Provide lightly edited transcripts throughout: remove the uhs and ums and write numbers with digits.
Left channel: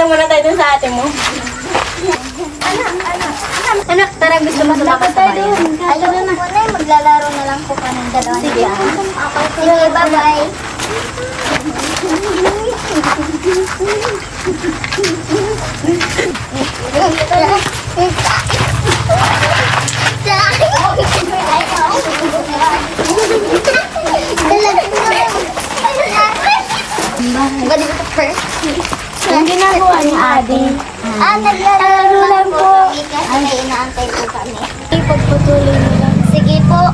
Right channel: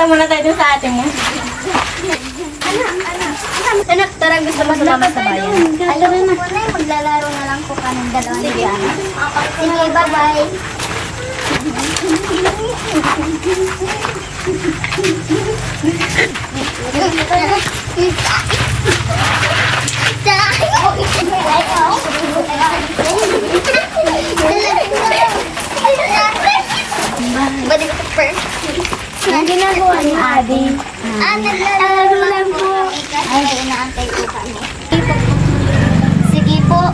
Punta muna tayo dun sa ate mo. Anak, tara, gusto mo sumama sa bayan? Ayun na po na, maglalaro na lang po kami dalawa. Sige, Sige, bye-bye. Yung ginagawa ni Adi. Naglalaro lang po. Ay, inaantay po kami. Pagpatuloy na lang. Sige po.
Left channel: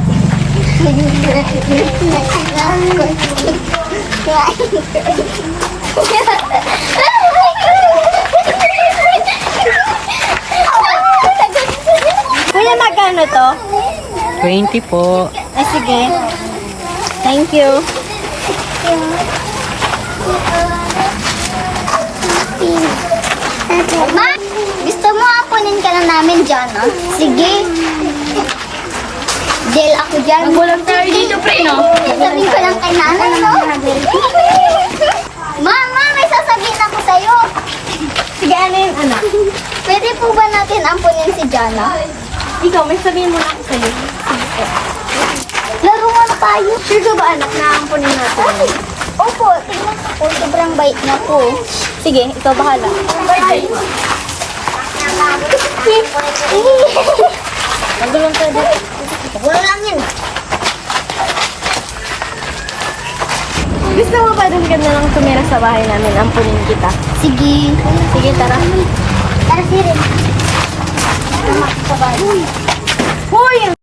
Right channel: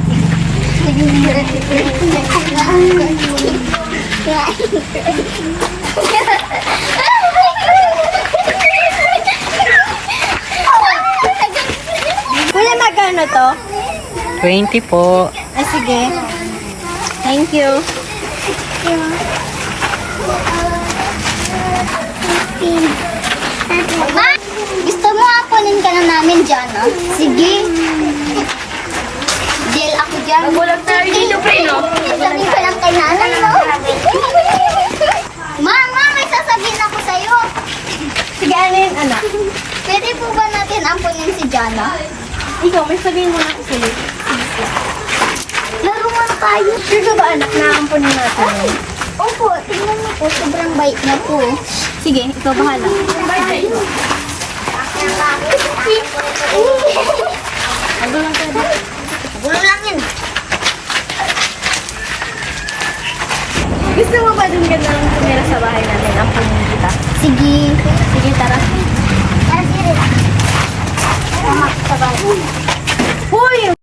Kuya, magkano to? 20 po. Ay, sige. Thank you. Ma, gusto mo apunin ka na namin dyan, no? Sige. Deal ako dyan. Magulang tayo dito, pre, no? Sabihin ko lang kay nanay, no? Mama, may sasabihin ako sa'yo. Sige, ano yun, anak? Pwede po ba natin ampunin si Jana? Ikaw, may sabihin mo na ako sa'yo. Laruan tayo. Sure ka ba, anak, naampunin natin? Opo, tingnan mo po, sobrang bait niya po. Sige, ikaw bahala. Magulang tayo dito. Wala lang yun. Gusto mo ba dun ka na lang tumira sa bahay namin? Ampunin kita. Sige. Sige, tara. Sige.